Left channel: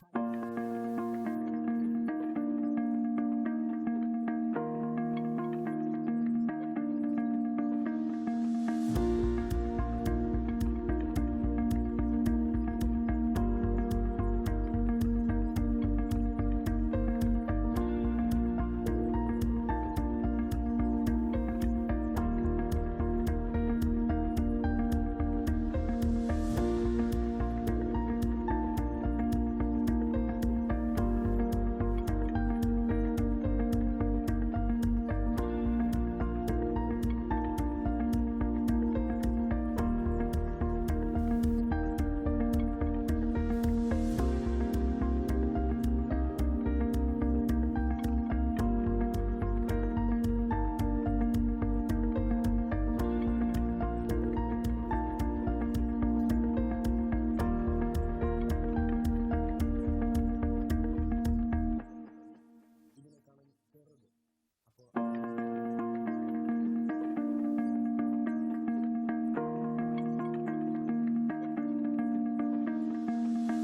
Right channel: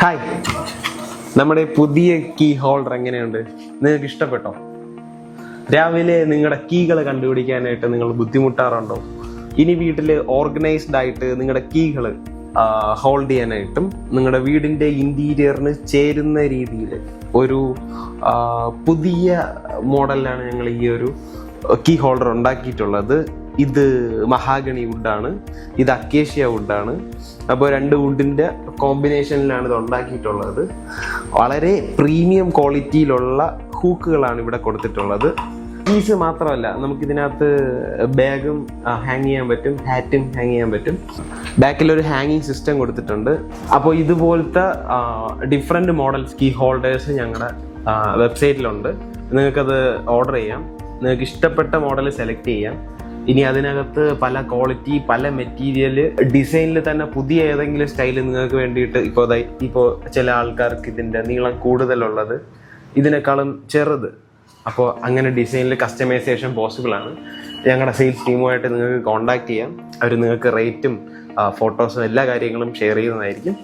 Hi, നമ്മുടെ പുതിയ key holder എങ്ങനെയുണ്ട്? നിങ്ങൾക്ക് ഇഷ്ടപ്പെട്ടോ? രാവിലെ നിങ്ങളുടെ കീകൾ കണ്ടുപിടിക്കാനായിട്ട് നിങ്ങൾ ബുദ്ധിമുട്ടാറുണ്ടോ? ഇനി വീട്ടിൽ ഓർഗനൈസ്ഡ് ആയിട്ട് നിങ്ങളുടെ കീകൾ ഹോൾഡ് ചെയ്യാനായിട്ടും നിങ്ങളുടെ വീടിൻ്റെ ഇൻറ്റീരിയറിന് ചേരുന്ന രീതിയിൽ ഒരു പുതിയ മോഡലിലാണ് ഞങ്ങൾ ഈ ഒരു കീ ഹോൾഡർ ഉണ്ടാക്കിയിട്ടുള്ളത്. ഇത് മഹാഗണി വുഡാണ്, ഇത് അക്കേഷ്യ വുഡാണ്. അപ്പോൾ രണ്ട് വുഡിൻ്റെ കോമ്പിനേഷനിലാണ് ഇത് ഉണ്ടാക്കിയിട്ടുള്ളത്. വളരെ പ്രീമിയം ക്വാളിറ്റിയിലുള്ള ഹൂക്കുകളാണ് ഇവിടെ കൊടുത്തിട്ടുള്ളത്. കീസ് മാത്രമല്ല, നമുക്കിതിനകത്ത് ബാഗും ഹാങ് ചെയ്യാൻ പറ്റും, ഹാറ്റും ഹാങ് ചെയ്യാൻ പറ്റും. ബാക്കിലൊരു ഹാങ്ങിങ് സിസ്റ്റം കൊടുത്തിട്ടുണ്ട്. അപ്പോൾ ഇതുപോലത്തെ ഡിഫറെൻറ്റ് മോഡൽസ് കീ ഹോൾഡേഴ്സ് ഞങ്ങളുടെ വെബ്സൈറ്റിലുണ്ട്. നിങ്ങൾക്കത് ഓർഡർ ചെയ്യാം. നിങ്ങൾക്ക് ഇഷ്ടപ്പെട്ട മോഡൽ സെലക്ട് ചെയ്യാം. ഇനി അതിനകത്ത് പല ക്വാളിറ്റി, പല മെറ്റീരിയൽ, ഡിസൈനിൽ തന്നെ പുതിയ ഏതെങ്കിലും സ്റ്റൈൽ നിങ്ങൾക്ക് വേണ്ടിയിട്ട് ഇപ്പോൾ ചില ആൾക്കാർക്ക് ഇതിൻ്റെ നീളം കൂടുതലുള്ളത്, ഇതിനേക്കാളും ചെറുത്, അപ്പോൾ അങ്ങനെ ഡിസൈനിൽ കസ്റ്റമൈസേഷൻ പോസിബിൾ ആണ്. ഞങ്ങളുടെ സെയിൽസ് ടീമുമായിട്ട് നിങ്ങൾക്ക് കോൺടാക്ട് ചെയ്യാം. അവർ നിങ്ങൾക്ക് റേറ്റും ഫോട്ടോസും എല്ലാ കാര്യങ്ങളും ഷെയർ ചെയ്യുന്നതായിരിക്കും.